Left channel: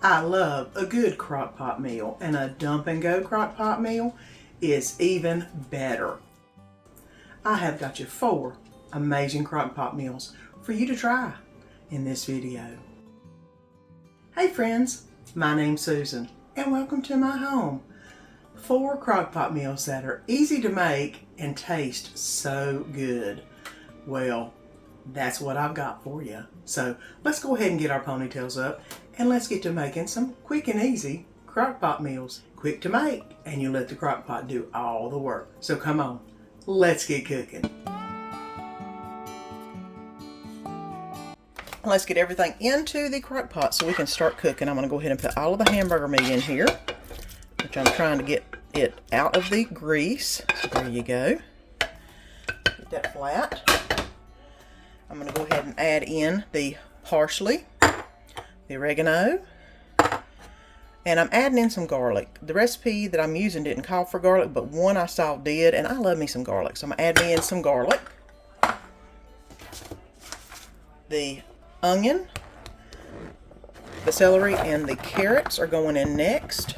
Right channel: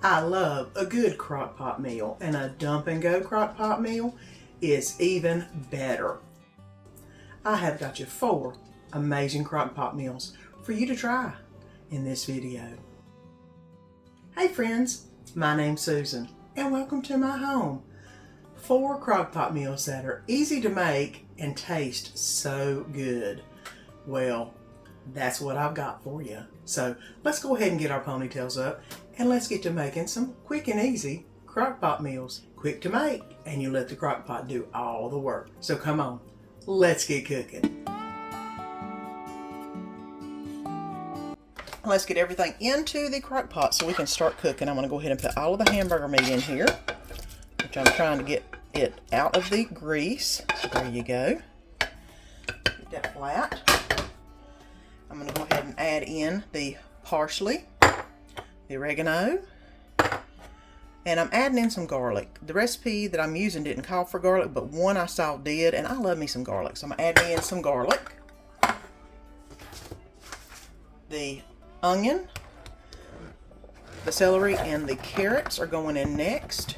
I love a good crock pot meal, and a dump and go crock pot meal is even better. I have got you 4 amazing crock pot meals for you to try in this video. Hey friends, my name's Susan and welcome to my home. 4 crock pot meals that are easy to make and taste so good. Well, that's what I've got for you. So let's go ahead and get our ponytails up and let's get to making some quick and easy crock pot meals. Quick to make, and you let the crock pot do all the work. So come on, let's get cooking. Let's get everything into the crock pot so we can start cooking. I'm going to go ahead and put all of the hamburger meat in here, which I'm trying to get it out of the grease. So there you go. Get that flat. I'm going to go ahead and add in the parsley, the oregano, and I'm adding in some garlic. The recipe that I'm using didn't call for garlic, but one I saw did, and I love me some garlic. So I'm going to add in some garlic. The onion, the celery, and the carrots are going in next.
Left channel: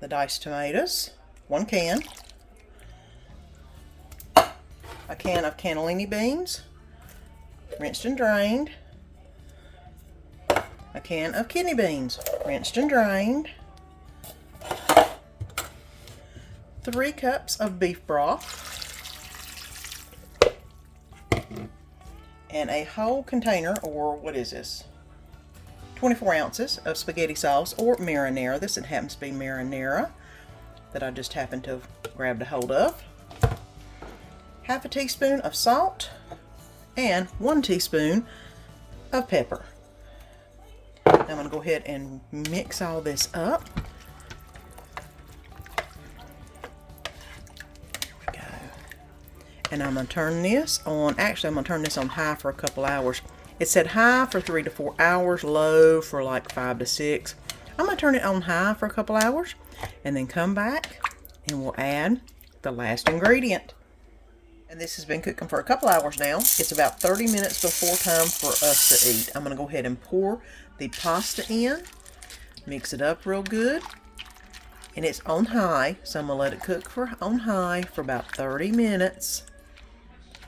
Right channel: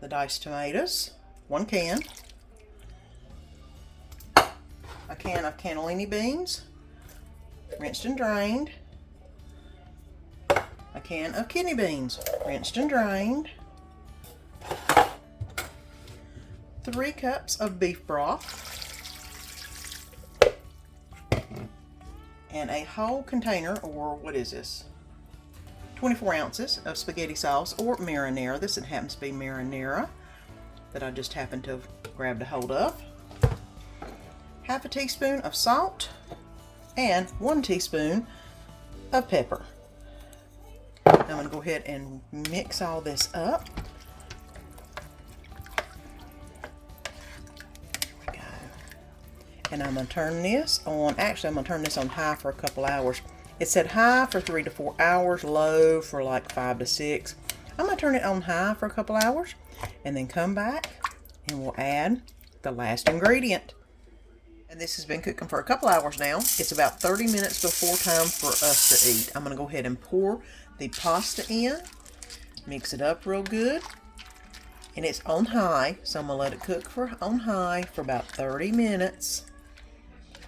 The diced tomatoes, 1 can. A can of cannellini beans, rinsed and drained. A can of kidney beans, rinsed and drained. 3 cups of beef broth. And a whole container, or what is this? 24 ounces of spaghetti sauce or marinara. This happens to be marinara that I just happened to have grabbed a hold of. Half a teaspoon of salt and 1 teaspoon of pepper. I'm going to go ahead and mix all this up. There we go. And I'm going to turn this on, actually I'm going to turn this on high for a couple hours. It said high for 3 to 4 hours, low for like 5 to 6. I'm going to turn it on high for a couple hours and then come back and we'll add the last ingredient. And this has been cooking for a couple hours now. It's about 30 minutes before time for us to eat. I'm going to go ahead and pour the pasta in, mix it up real good, and it's on high, so I'm going to let it cook on high for about 30 minutes,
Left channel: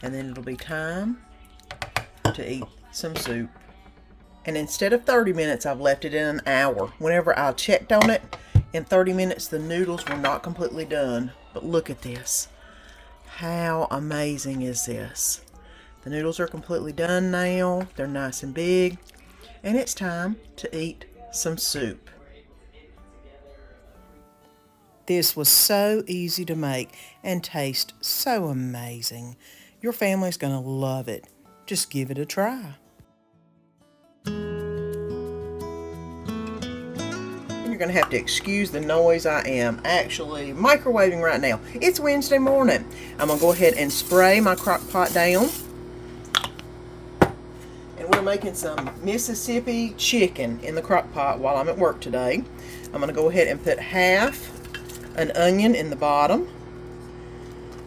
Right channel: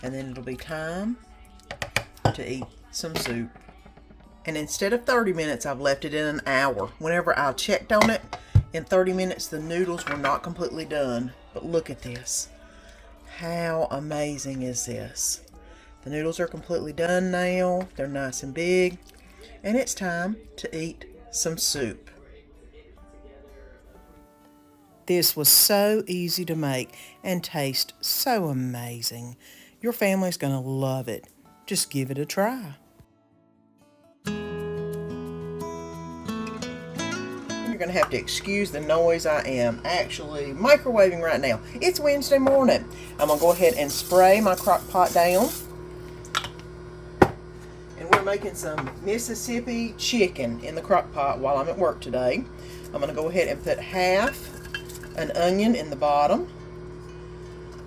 and then it'll be time to eat some soup. And instead of 30 minutes, I've left it in an hour. Whenever I checked on it, in 30 minutes the noodles were not completely done. But look at this. How amazing is this? The noodles are completely done now. They're nice and big. And it's time to eat some soup. This was so easy to make and taste so amazing. Your family's going to love it. Just give it a try. You're going to have to excuse the noise. I am actually microwaving right now. It's Wednesday morning. I'm going to go ahead and spray my crock pot down. And we're making some Mississippi chicken in the crock pot while I'm at work today. I'm going to go ahead and put half an onion in the bottom.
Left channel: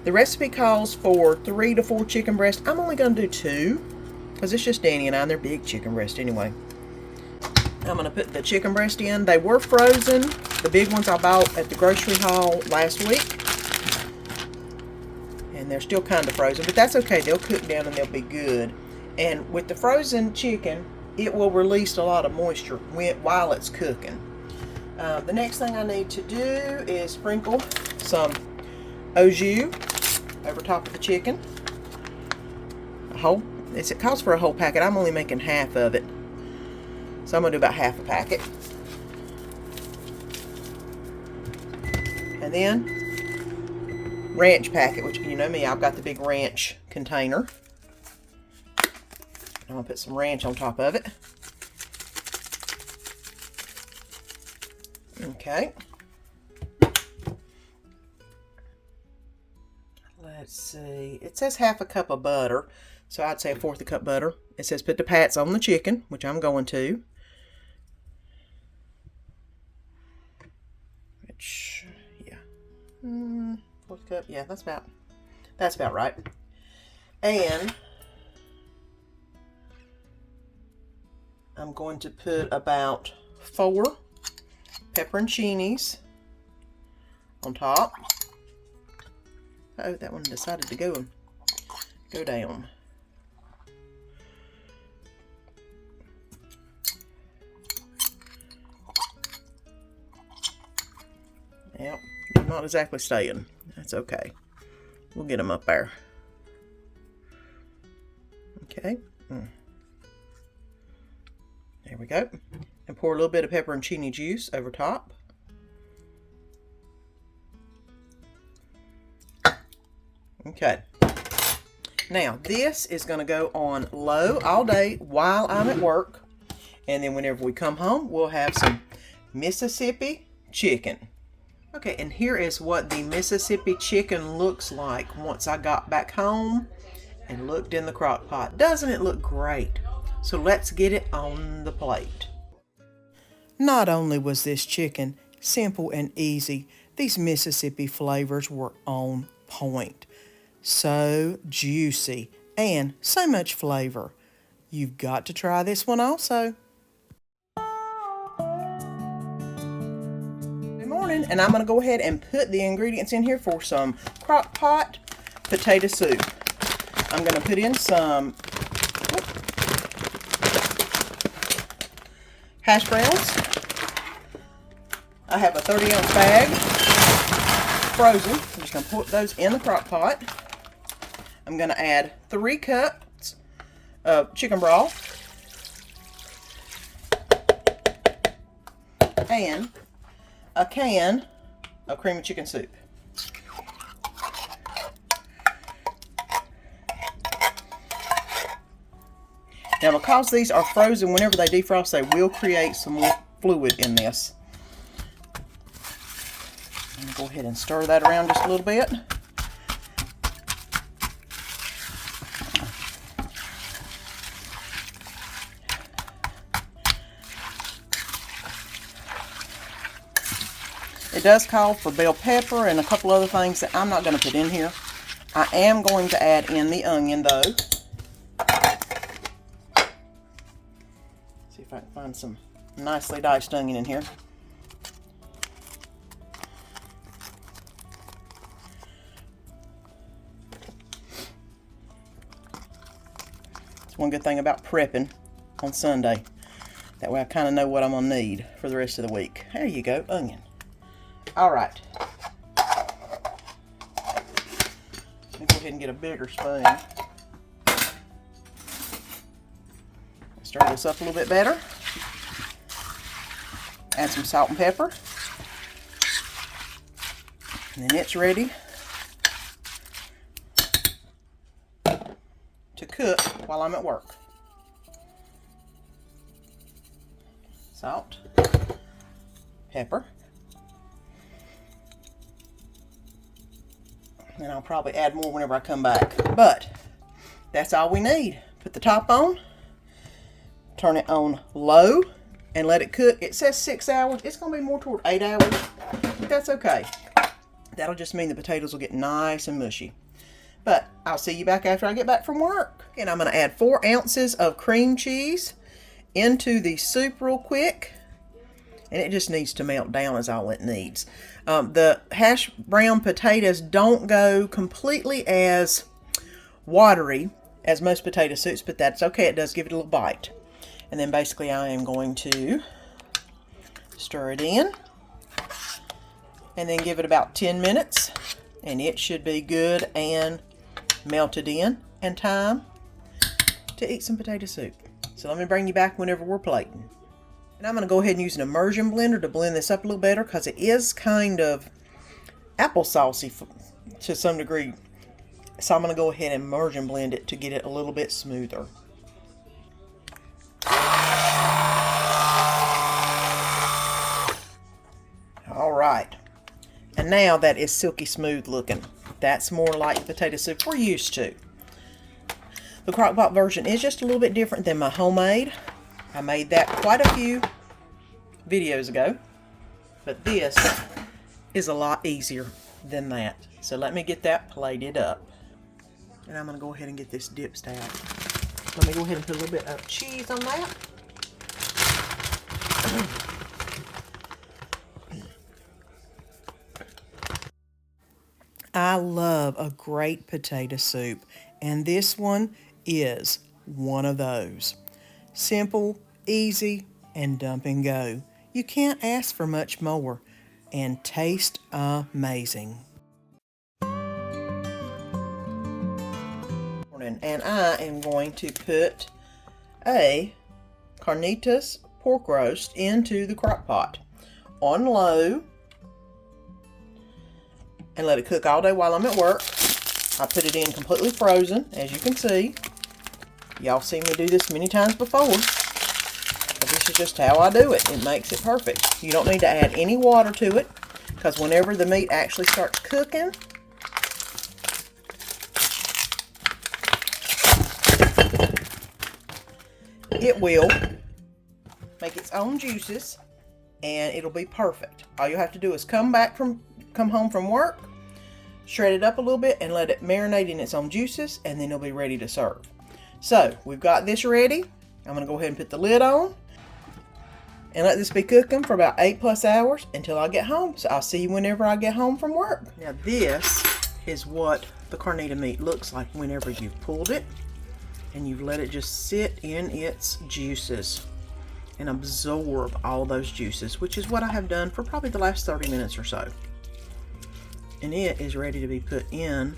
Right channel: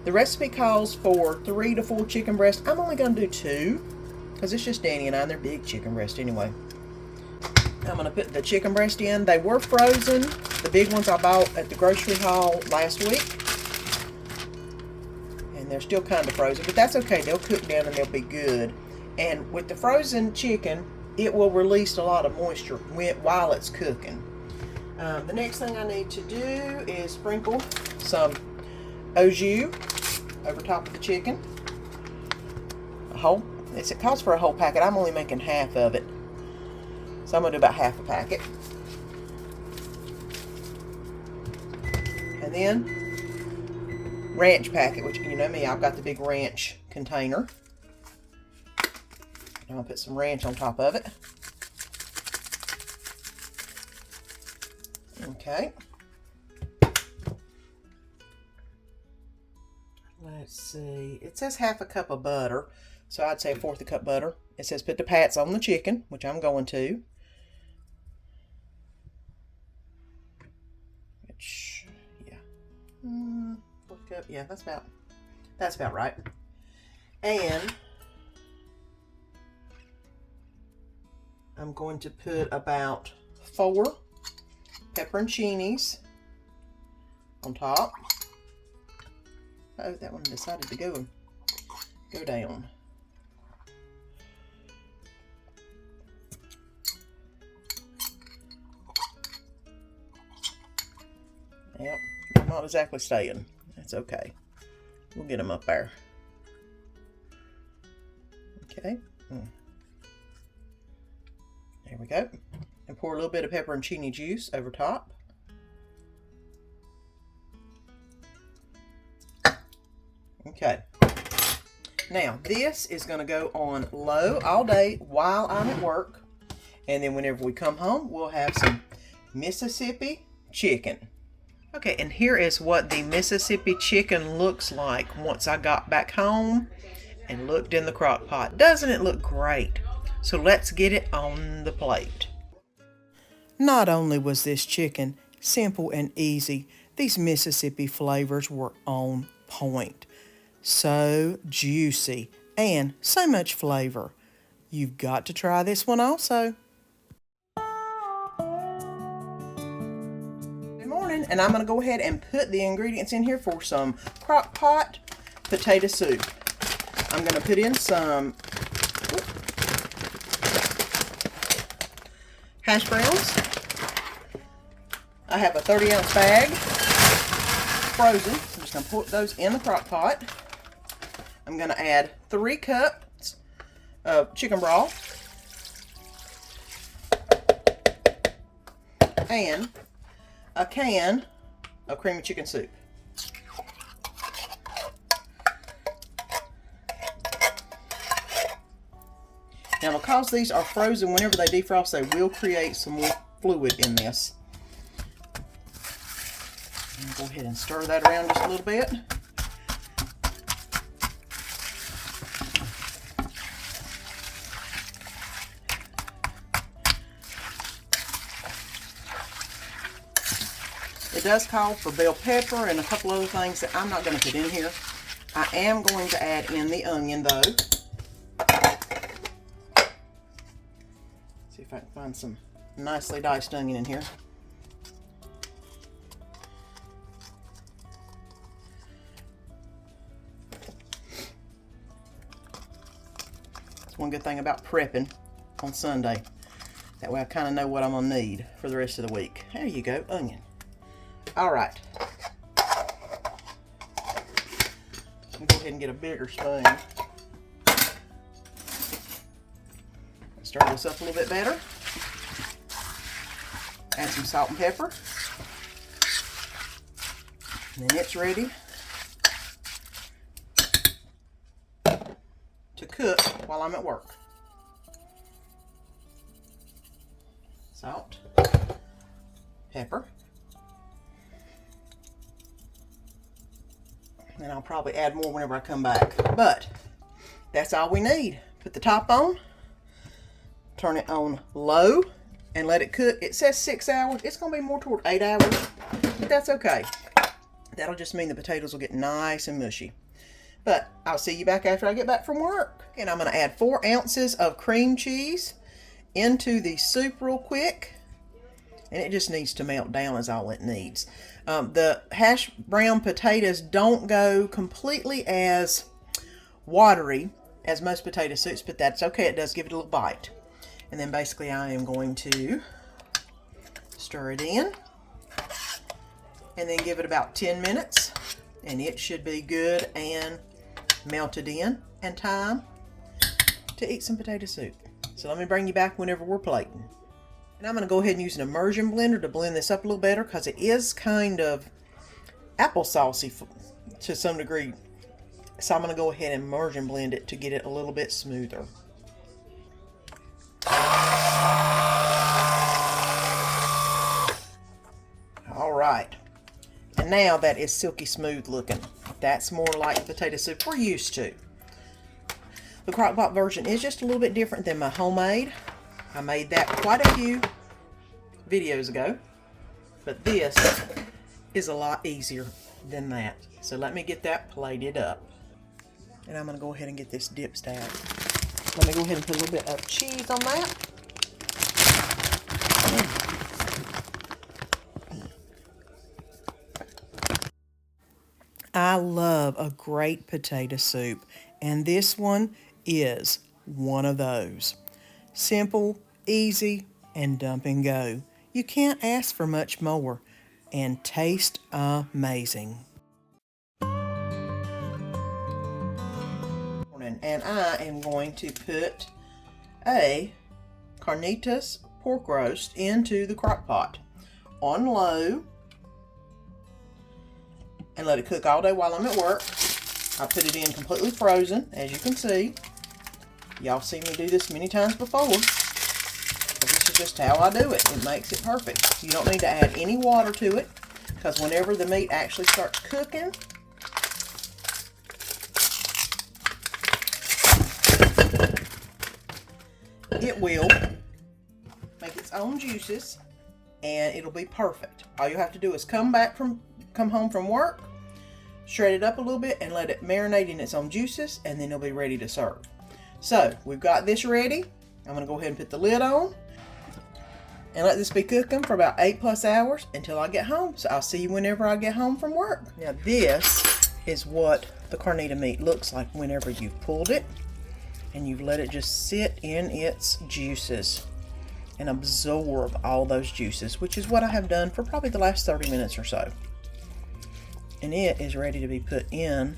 The recipe calls for 3 to 4 chicken breasts. I'm only going to do 2 because it's just Danny and I, and they're big chicken breasts anyway. I'm going to put the chicken breast in. They were frozen. The big ones I bought at the grocery haul last week. And they're still kind of frozen, but that's okay. They'll cook down and they'll be good. And with the frozen chicken, it will release a lot of moisture while it's cooking. The next thing I need to do is sprinkle some au jus over top of the chicken. It calls for a whole packet. I'm only making half of it. So I'm going to do about half a packet. And then ranch packet, which you know me, I've got the big ranch container. I'm going to put some ranch on top of it. Okay. Let's see. It says half a cup of butter, so I'd say 1/4 cup butter. It says put the pats on the chicken, which I'm going to. Which, yeah. 1/4 cup. Yeah, that's about right. And I'm going to put about 4 pepperoncinis on top. Oh, that one decided to go down. Yep, I'm not exactly staying. That's okay. We'll get them up there. Okay. There we go. And pour a little bit of pepperoncini juice over top. Okay. Now, this is going to go on low all day while I'm at work. And then whenever we come home, we'll have some Mississippi chicken. Okay, and here is what the Mississippi chicken looks like once I got back home and looked in the crock pot. Doesn't it look great? So let's get it on the plate. Not only was this chicken simple and easy, these Mississippi flavors were on point. So juicy and so much flavor. You've got to try this one also. And I'm going to go ahead and put the ingredients in here for some crock pot potato soup. I'm going to put in some hash browns. I have a 30-ounce bag frozen. I'm just going to put those in the crock pot. I'm going to add 3 cups of chicken broth and a can of creamy chicken soup. Now, because these are frozen, whenever they defrost, they will create some more fluid in this. And go ahead and stir that around just a little bit. It does call for bell pepper and a couple other things that I'm not going to put in here. I am going to add in the onion though. See if I can find some nicely diced onion in here. That's one good thing about prepping on Sunday. That way I kind of know what I'm going to need for the rest of the week. There you go, onion. All right. Let me go ahead and get a bigger spoon. Stir this up a little bit better. Add some salt and pepper. And then it's ready to cook while I'm at work. Salt, pepper. And I'll probably add more whenever I come back. But that's all we need. Put the top on, turn it on low, and let it cook. It says 6 hours. It's going to be more toward 8 hours, but that's okay. That'll just mean the potatoes will get nice and mushy. But I'll see you back after I get back from work. And I'm going to add 4 ounces of cream cheese into the soup real quick. And it just needs to melt down is all it needs. The hash brown potatoes don't go completely as watery as most potato soups, but that's okay. It does give it a little bite. And then basically I am going to stir it in and then give it about 10 minutes and it should be good and melted in and time to eat some potato soup. So let me bring you back whenever we're plating. And I'm going to go ahead and use an immersion blender to blend this up a little better because it is kind of applesaucey to some degree. So I'm going to go ahead and immersion blend it to get it a little bit smoother. All right. And now that is silky smooth looking. That's more like potato soup we're used to. The Crock-Pot version is just a little bit different than my homemade. I made that quite a few videos ago, but this is a lot easier than that. So let me get that plated up. And I'm going to go ahead and get this dip stacked. Let me go ahead and put a little bit of cheese on that. I love a great potato soup, and this one is one of those. Simple, easy, and dump and go. You can't ask for much more, and taste amazing. And I am going to put a carnitas pork roast into the crock pot on low and let it cook all day while I'm at work. I put it in completely frozen, as you can see. Y'all seen me do this many times before, but this is just how I do it. It makes it perfect. You don't need to add any water to it, because whenever the meat actually starts cooking, it will make its own juices, and it'll be perfect. All you have to do is come home from work, shred it up a little bit, and let it marinate in its own juices, and then it'll be ready to serve. So we've got this ready. I'm going to go ahead and put the lid on and let this be cooking for about 8+ hours until I get home. So I'll see you whenever I get home from work. Now this is what the carnita meat looks like whenever you've pulled it and you've let it just sit in its juices and absorb all those juices, which is what I have done for probably the last 30 minutes or so. And it is ready to be put in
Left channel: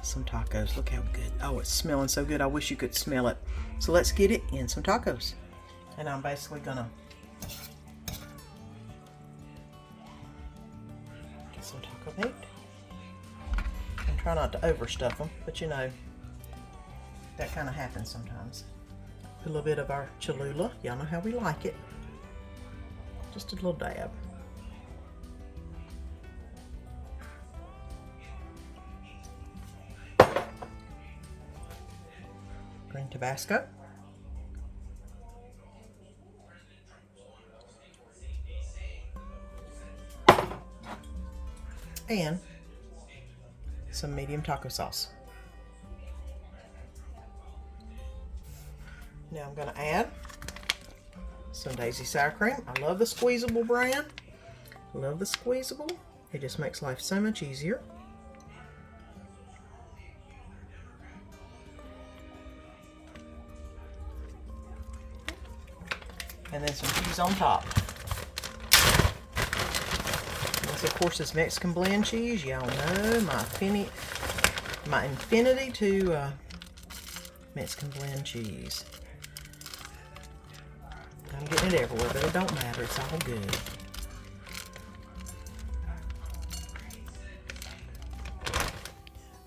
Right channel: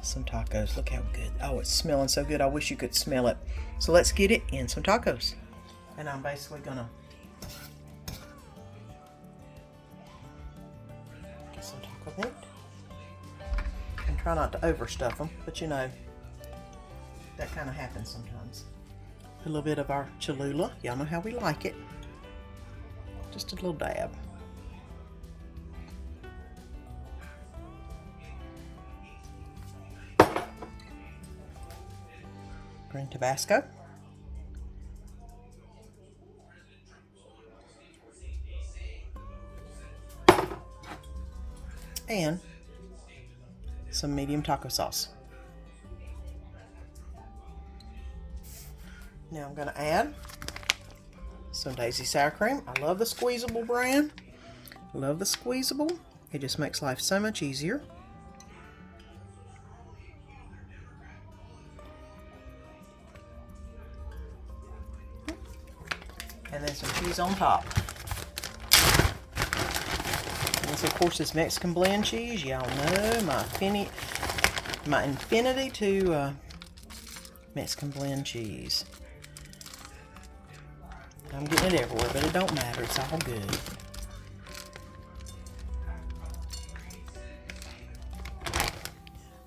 some tacos. Look how good. Oh, it's smelling so good. I wish you could smell it. So let's get it in some tacos. And I'm basically gonna get some taco meat and try not to overstuff them, but you know, that kind of happens sometimes. A little bit of our Cholula. Y'all know how we like it. Just a little dab. Green Tabasco. And some medium taco sauce. Now I'm going to add some Daisy sour cream. I love the squeezable brand. Love the squeezable. It just makes life so much easier. And then some cheese on top. This, of course, is Mexican blend cheese. Y'all know my infinity to Mexican blend cheese. I'm getting it everywhere, but it don't matter. It's all good.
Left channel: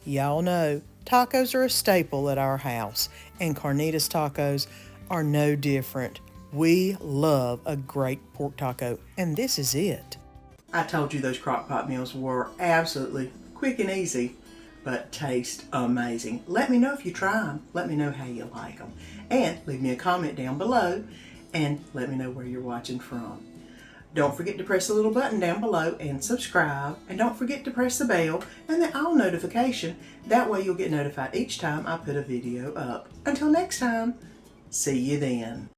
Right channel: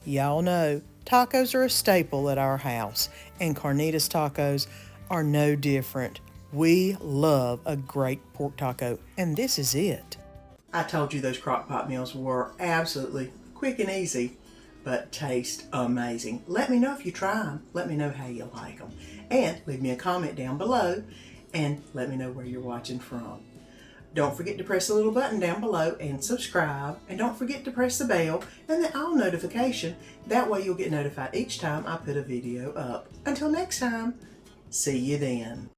Y'all know tacos are a staple at our house, and carnitas tacos are no different. We love a great pork taco, and this is it. I told you those crock pot meals were absolutely quick and easy, but taste amazing. Let me know if you try them. Let me know how you like them. And leave me a comment down below, and let me know where you're watching from. Don't forget to press the little button down below and subscribe, and don't forget to press the bell and the all notification. That way you'll get notified each time I put a video up. Until next time, see you then.